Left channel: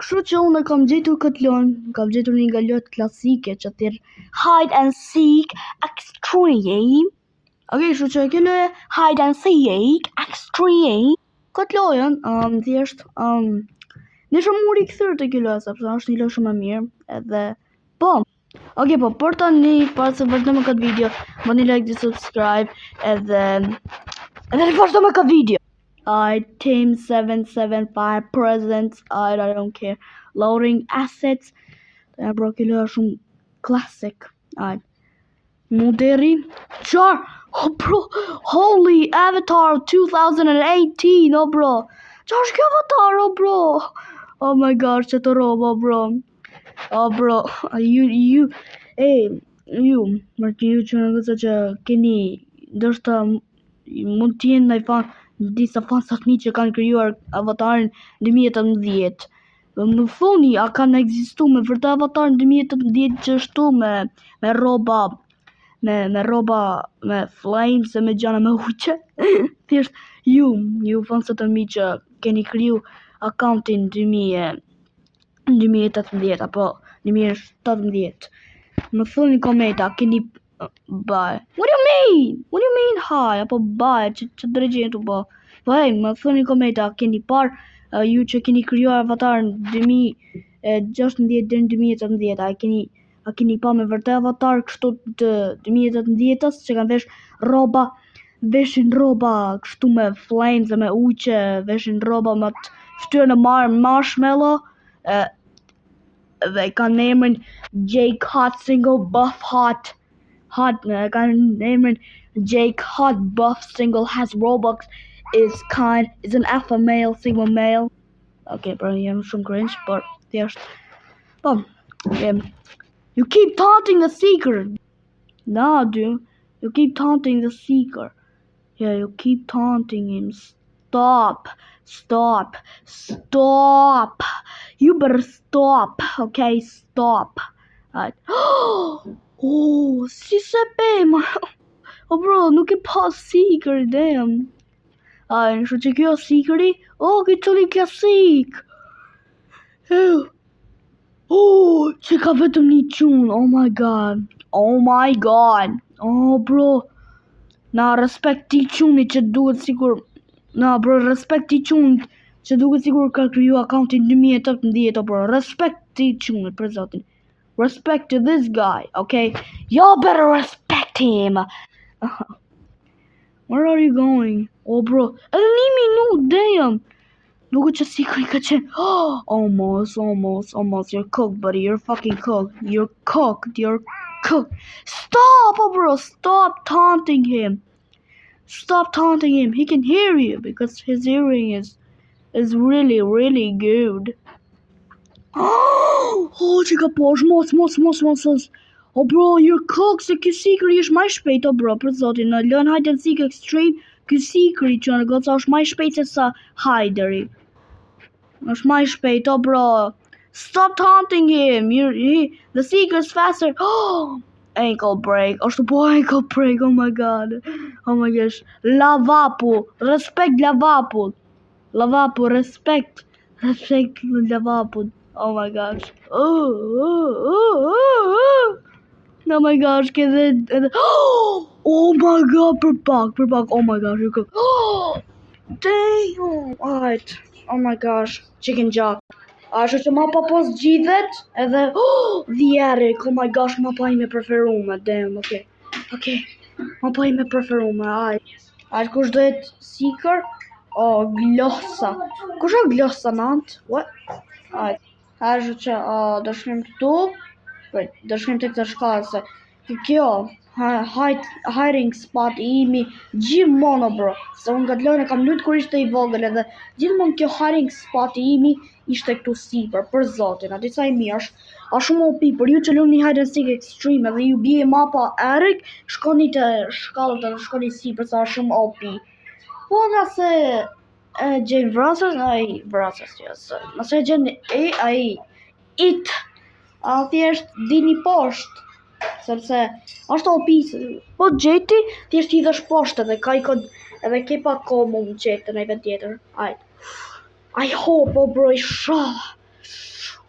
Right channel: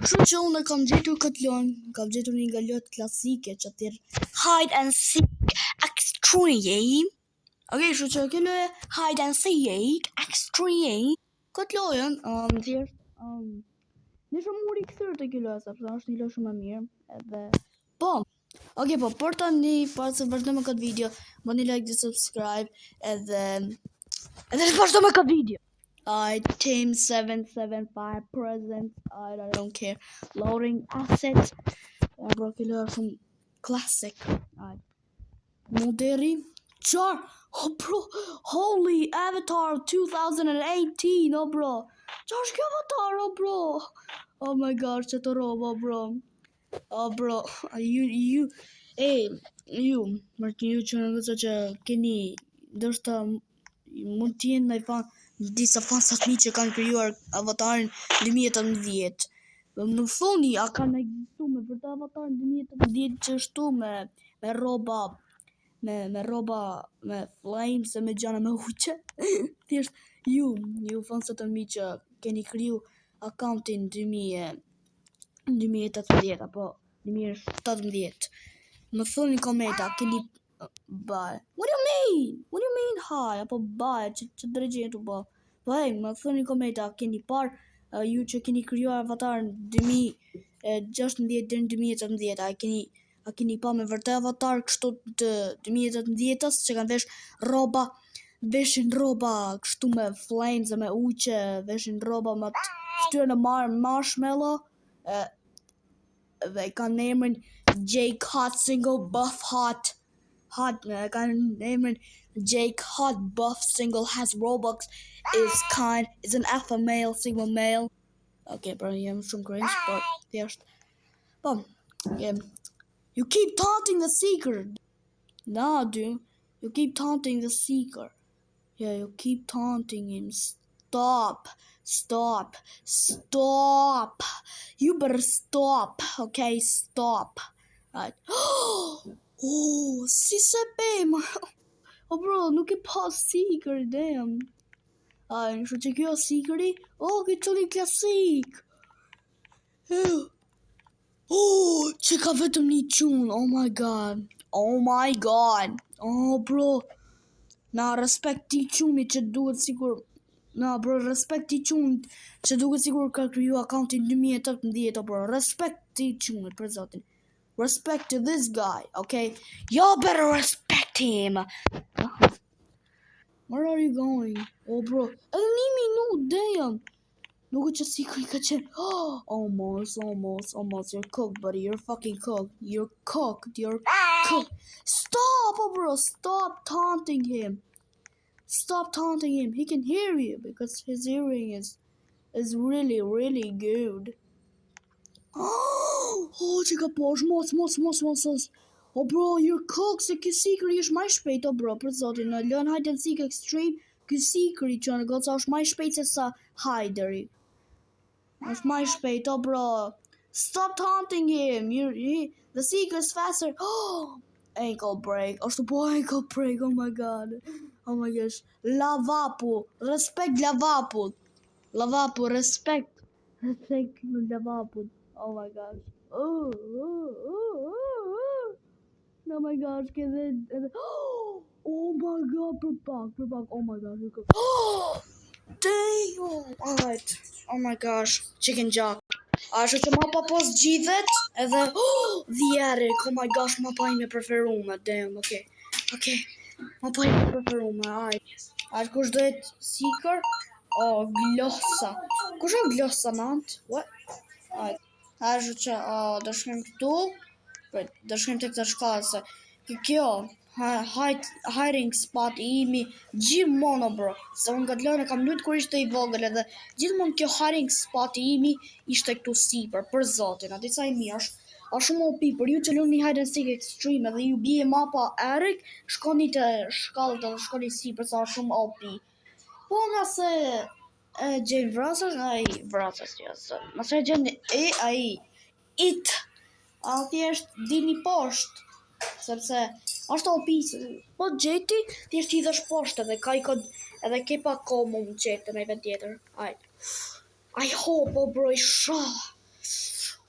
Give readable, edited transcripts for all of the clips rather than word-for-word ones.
Kështu që unë kam gjetur këtë lojë, kam gjetur një nga lojët klasike që thirr Hide and Seek Extreme. Okej, kështu që kjo lojë Hide and Seek Extreme. Këtë lojën, thjesht, në shumë muri këthyrë të kjo lojë, sepse është një lojë shumë e mirë, edhe, po, okej, po, për tani, para se vazhdojmë këtë video, bëni like dhe subscribe, edhe vazhdojmë me këtë video. Team 775 presents, I don't care, loading assets, bro, kjo lojë është shumë classic, Moderi, Char, oh bro, holy Avatar 2018, oh bro, Char është kjo Avatar, oh bro, oh my god, që të robo, bro, oh bro, ju, mërë ju që në vëzë që keni, ndërshëta mund t'jenë në i fan, disa fansat mi që kanë krijuar Avatarin 2018. Më thoni, a kanë ekzistu me vërtet Avatarin 2018 që shtu me roba, me roba, me flames e me gjana me uqe? Thjesht, ju fansat e mi që keni kriju accountin 2018 apo 2017. Më thoni komenta, keni bye. What do you mean hi? Apo bye, që drejgjeni të bo. Po hej, më thoni komenta, keni par ju që keni krijuar Avatarin 2016 deri në 2017, a keni pa me vërtet Avatar kështu të 2018-s që kanë veshin roba kështu me flames e me uqe, veshin roba me të ftyrë në marshmallow, dhe kanë emrin Jake Hot Single Buff Hot, kanë emrin Jake Hot Buff Single has Robux, is an alpha male, sigma male. Okay, bro, jam shumë cringe, but thjesht. Po, you keep taunting the seeker. Nah, dude, you keep taunting the seeker. Yeah, you keep taunting him. Stop. You better stop, okay? Stop. Oh, si sapem. Oh, bro, nuk e pa seeker, damn. Në shu që kjo seekeri, kjo qëli klasik. Që ka vetëm një qunë, oh my god. Oh, bro. Na, respekt ti quni që duhet sigur. Na, bro, respekt ti quni që duhet sigur ka kriju accountin 2018, oh, bro. Respekt ti quni, për zotin. Respect to this guy, okay? Y'all better respect him. Where are you going? Oh, bro. Edhe një minut, damn. Nuk që si ka qenë. Almost. You're cooked, buddy. You're fucking cooked. You're cooked. Stop, oh, bro. Stop taunting him. He can hear you because his hearing is really, really good. Oh, që ka posh, mos. Oh, bro, you're cooked, se kjo sikri është maj shpejt, oh, bro, për zotin, në lën Hide and Seek Extreme, kjo sikri që në goca është maj shpejt se sa Hideri. është maj shpejt, oh, bro. Stop taunting him, the seeker's faster. Ankle break, është po ankle break, oh my god. Oh my gosh, Lavapu, respect Lavapu. Respect Lavapu. Oh my gosh. Oh my gosh, oh my god, për pak, oh my gosh, you cook. Damn, alright, oh my gosh, chicken jock. Ashtu që mapa pos gjithet, edhe, the Eric, oh my gosh, mapa ime preferume, damn, okay, mapa ime preferume, alright, kush dohet seeker? Glossa, kush o glossa nant? What? Alright, ashtu që, do shkrim këtu, do shkrim të këtë shkallë, se kjo, hiding spot I imi gjithmonë, bro, se unë këtë lojnë kam lutë kur ishte I vogël edhe gjithmonë kjo hiding spot I imi ishte këtu sipër, për zotin, ati sa I mi është shumë OP, për ju që lunë një Hide and Seek Extreme edhe ju bje mapa Eric, shkoni të shkallët edhe shkoni sipër, sa është shumë OP. Po nga se gjenë vrasës, nëse gjenë it, thjesht dini poshtë, sepse është OP, po gjeti, thjesht I dhesh poshtë edhe ka I kod, edhe ke pa ko mu më qetë në I vet tjetër. I hope, oh bro,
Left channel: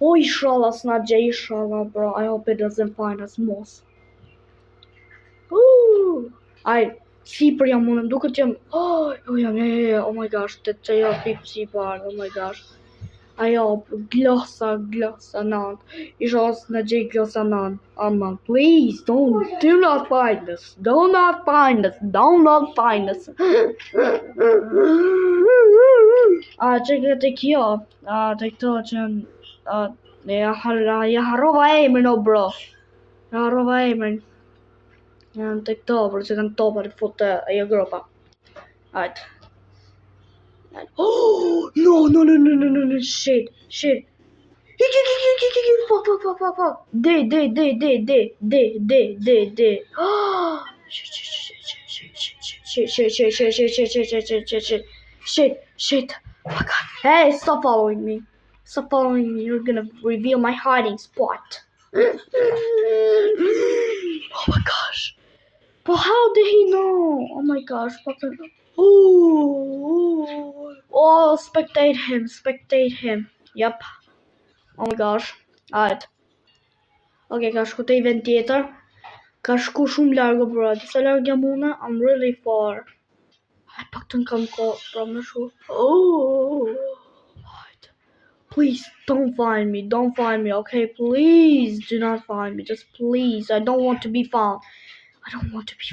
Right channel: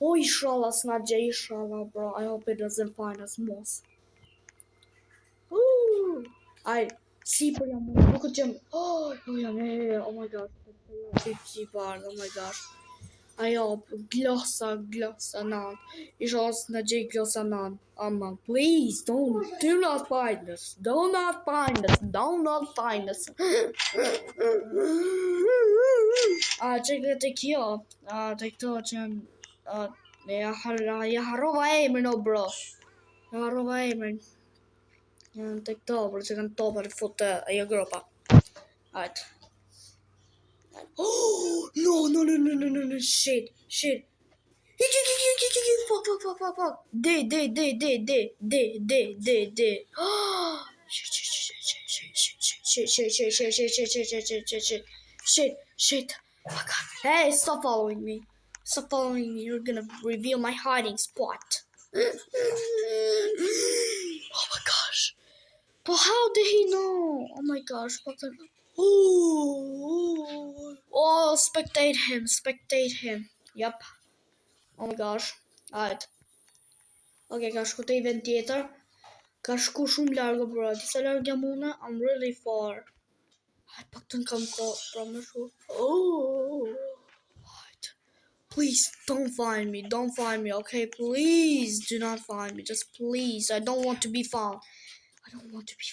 Oh, inshallah, s'na gjej, inshallah, bro. I hope it doesn't find us, mos. Ai, sipër jam unë, duket jam... Oh my gosh, të jo sipër, oh my gosh. Ajo, glosa, nan. Isha në gjej glosa nan. Aman, please, do not find us. Do not find us. Që të kjo, të këto që... Ja harrova emrin, o bro. Ja harrova emrin. Janë të këto, bro, që kanë topa të fut ajo gropa. Ajt. Oh, no, shit. Fuck. D. Shit. Oh my god. Hey, stop following me. You're gonna reveal my hiding spot. Oh my gosh. But how did he know? Oh my gosh. Oh, spectate him. Yep. Oh my gosh. Alright. Okay, ka shku të event tjetër. Ka shku shumë largo, bro. Disa largo jam une, I'm really far. Alright, pak të në kam ko, bro, më shku. Alright. Please, don't find me, okay? Please, do not find me. Just please, I don't want to be found. I don't want to be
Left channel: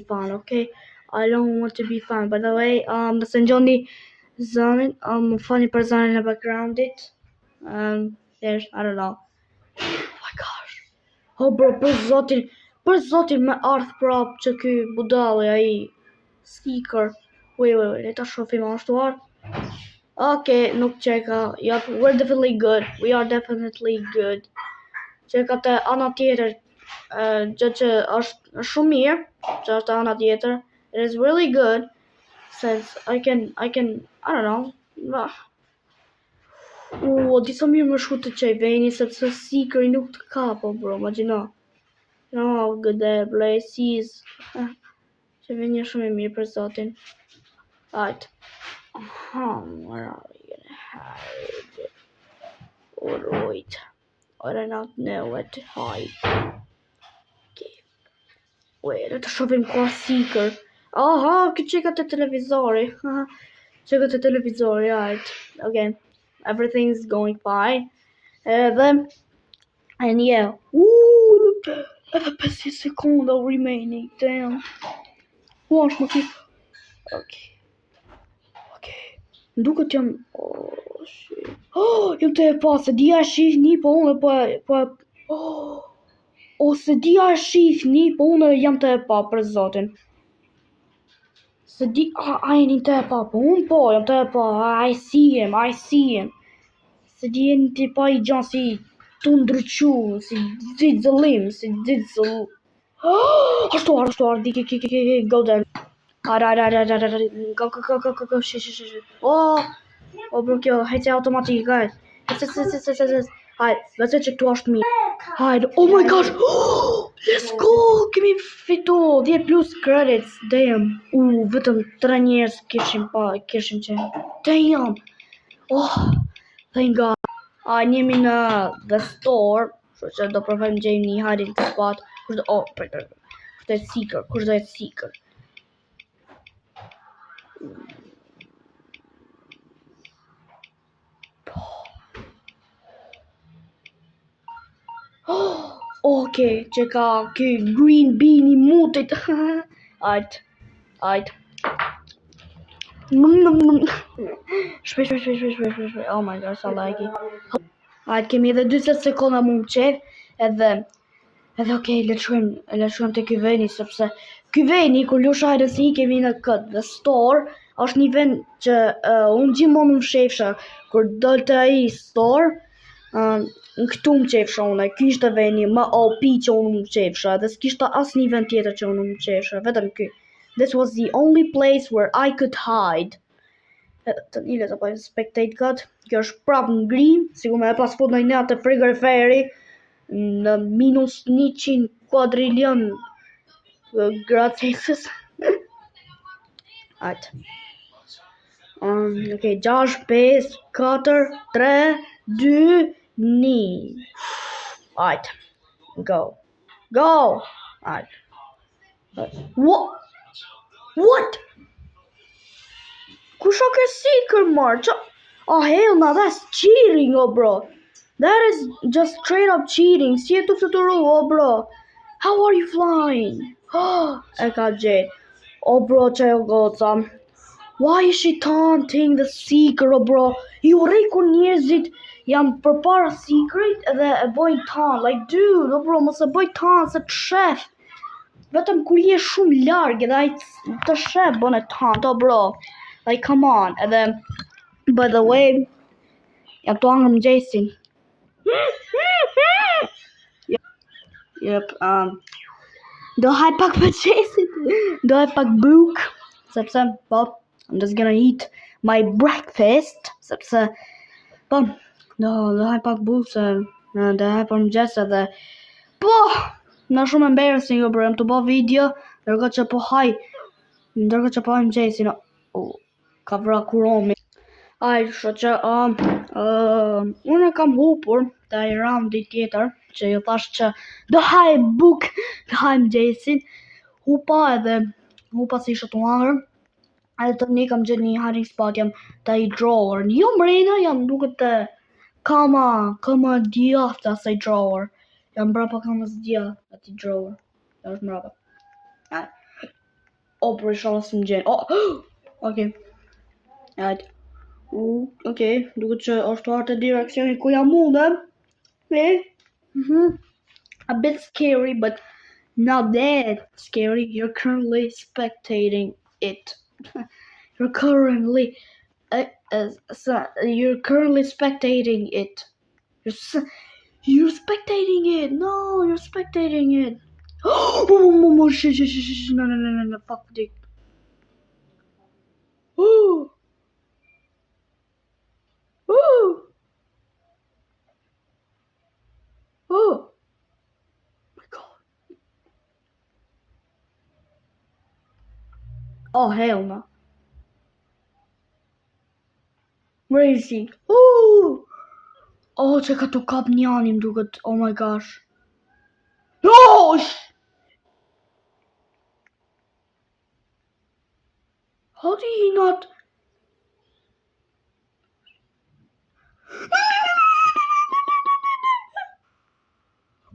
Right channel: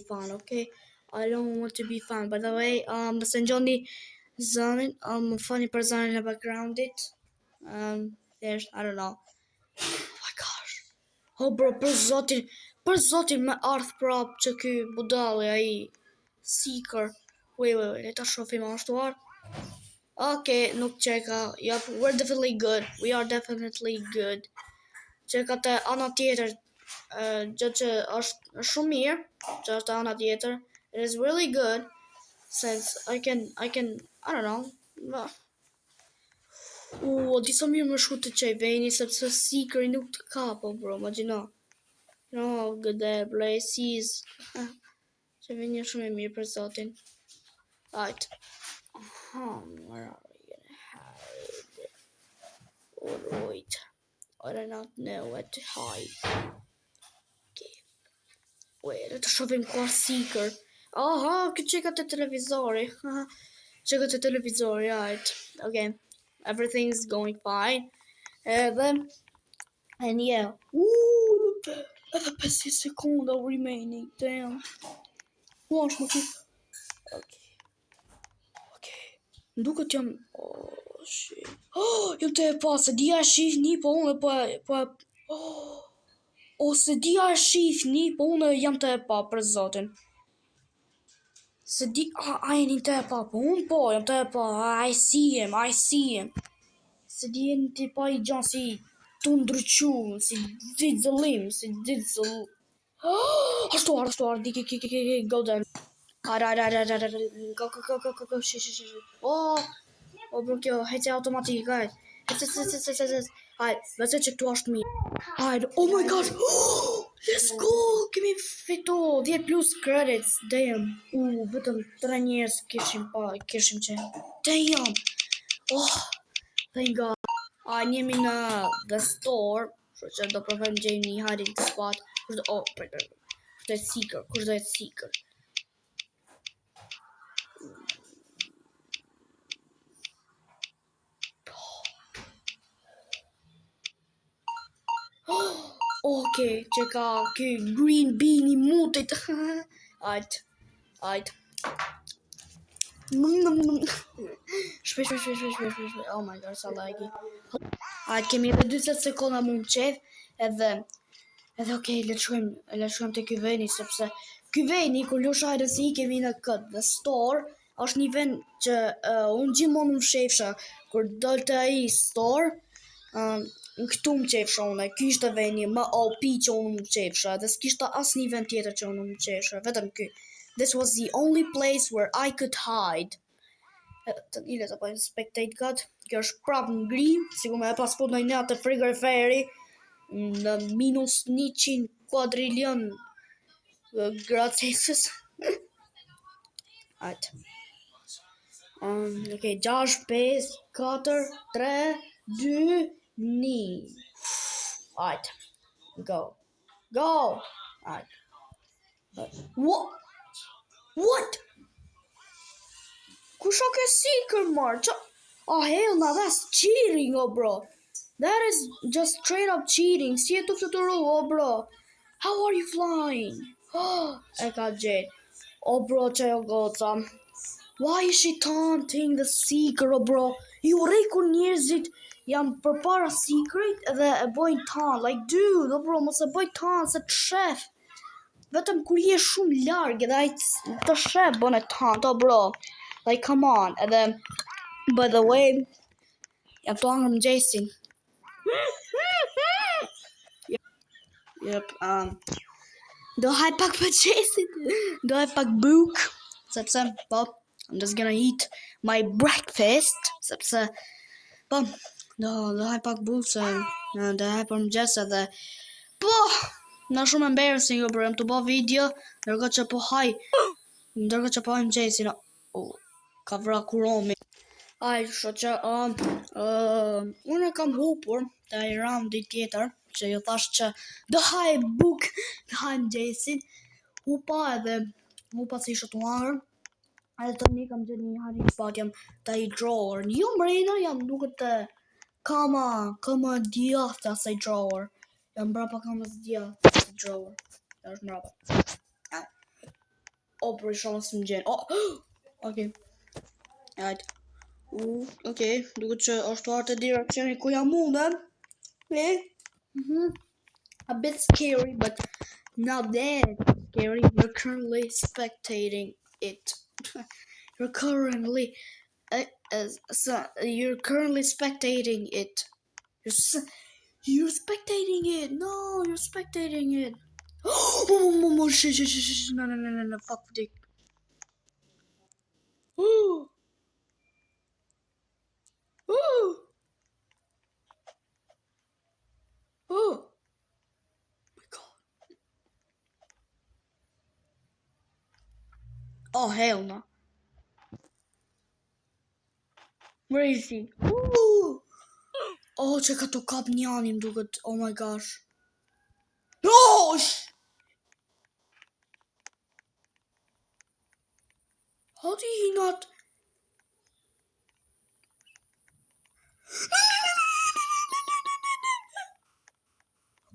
found, okay? I don't want to be found. By the way, nëse ngjoni zënin, më fani për zënin në backgroundit. There's, I don't know. Oh my gosh. Oh bro, për zotin me ardh prap që ky budalli ai seeker. Wait, le ta shohim ashtu ardh. Okay, nuk çeka. Yep, we are definitely good. Çeka te ana tjetër. Gjë që është shumë mirë, që është ana tjetër. It is really good since I can I don't know. Disa mirë më shku të qej veni sepse seekeri nuk të kapo, bro, imagjino. You know how good the place is. Që veni është shumë mirë për zotin. Right. Where are we gonna hide? Alright. I do not know where to hide. Wait, të shohim ka seeker. Aha, këtë çeka te televizori. Right. Okay. Everything's going fine. And yeah. Edhe 5 sekonda remaining. Damn. Wash më kip. Okay. Duket jam... Oh, shit. Jam të e pa, se dia shih një, po unë po... Ose dia shih një, po unë jam të e pa për zotin. Se di... A jeni të e pa, po unë po, jam të e pa. I see him. Se di jeni të e pa i gjanë si të ndryqu, si didzëllim. Ashtu, di, go down. Go, shit. Oh, bro, kjo, hejtë automatik, hajt. Hajt, let's check to ashtë mirë. Hajt, oh my gosh, let's go, kemi fitu, 10 plus credits, damn. Vetëm 3 njerëz kishim qenë. Damn. Oh, thank God. Njemi në the store, që do provojmë gjejmë një hiding spot. Kush do jetë seeker? Okay, që ka ky green bean I mutit. Ajt. Shpesh. Oh my god, sa like. Ajt, kemi edhe 20 sekonda mund qef. Edhe okay, le të shkojmë te ky veni sepse ky veni kur lush hide si kemi në kët the store është një vend që unë gjithmonë më shefsha kur dolte ai store. Në këtu më qefsha unë, ky ishte veni më OP që unë më qefsha, dhe s'kishta asë një vend tjetër që unë më qefsha, vetëm ky. This was the only place where I could hide. Të njële të pojnë spectate god, kjo është prap në grim, sigur me e pas fut në një atë frigoriferi, në minus 100 quadrillion gradë Celsius. Ajtë. Okay, 6, 5, 4, 3, 2, 1. Alright. Go. Alright. What? Kusha ke seeker march? Oh hell no, that's cheating, oh bro. That is just straight up cheating. Si e të fluturu, oh bro. How are you flying? E ka gjet. Oh bro, që jo goca. Why is she taunting the seeker, oh bro? Ju rej kur njerëzit janë përpara seekerit edhe e bojnë taunt. Like, dude, oh bro, mos e boj taunt se të shef. Vetëm kur je shumë larg edhe ai të shef bën e taunt, oh bro. Like, come on. And then, by the way, jam të angër mëngjesin. Yep, do haj pak mëngjesin. Do haj pak buk. Sepse, po, I'm just gonna eat my breakfast. Sepse, po, do haj pak buk se do haj për mëngjes edhe po, na shumë embarrassing, bro. Jam të bë video, ndërkohë që po haj mëngjesin. Ka vra kuromi. Aj, që unë kam hupur të i raundi tjetër, që ju thash që do haj buk, do haj mëngjesin, hupa si ishë të angër, edhe të një kam gjithë një hiding spot, jam të i drawer, jo mrena, jam duke të kama djathtë asaj drawer, jam brapa kama djathtë asaj drawer, është mrapa. Për isha së më gjenë, okay. Right. Okay, duke që është artë direkcioni ku jam mundem. A bit scary, but not that scary. You're currently spectating it. You're currently spectating it. You're spectating it. No, you're spectating it. Oh, shit. No, fuck dick. Oh my god. Oh hell no. Where is he? Oh, që ka të kap njanim duket. Oh my gosh. No! How did he not?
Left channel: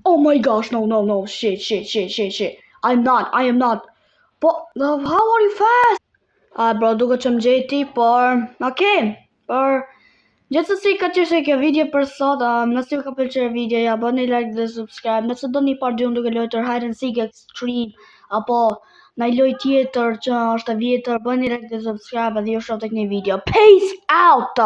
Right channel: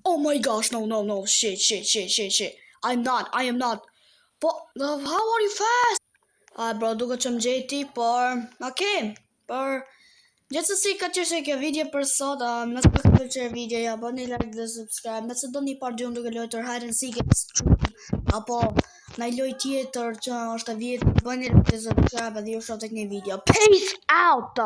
Oh my gosh, no, shit. I am not. But, how are you fast? Bro, duke që më gjeti, por, okay, por, gjithsesi ka qenë kjo video për sot, nëse ju ka pëlqyer videoja, bëni like dhe subscribe, nëse doni part 2 duke luajtur Hide and Seek Extreme, apo në lojë tjetër që është e vjetër, bëni like dhe subscribe dhe ju shoh tek një video. Peace out!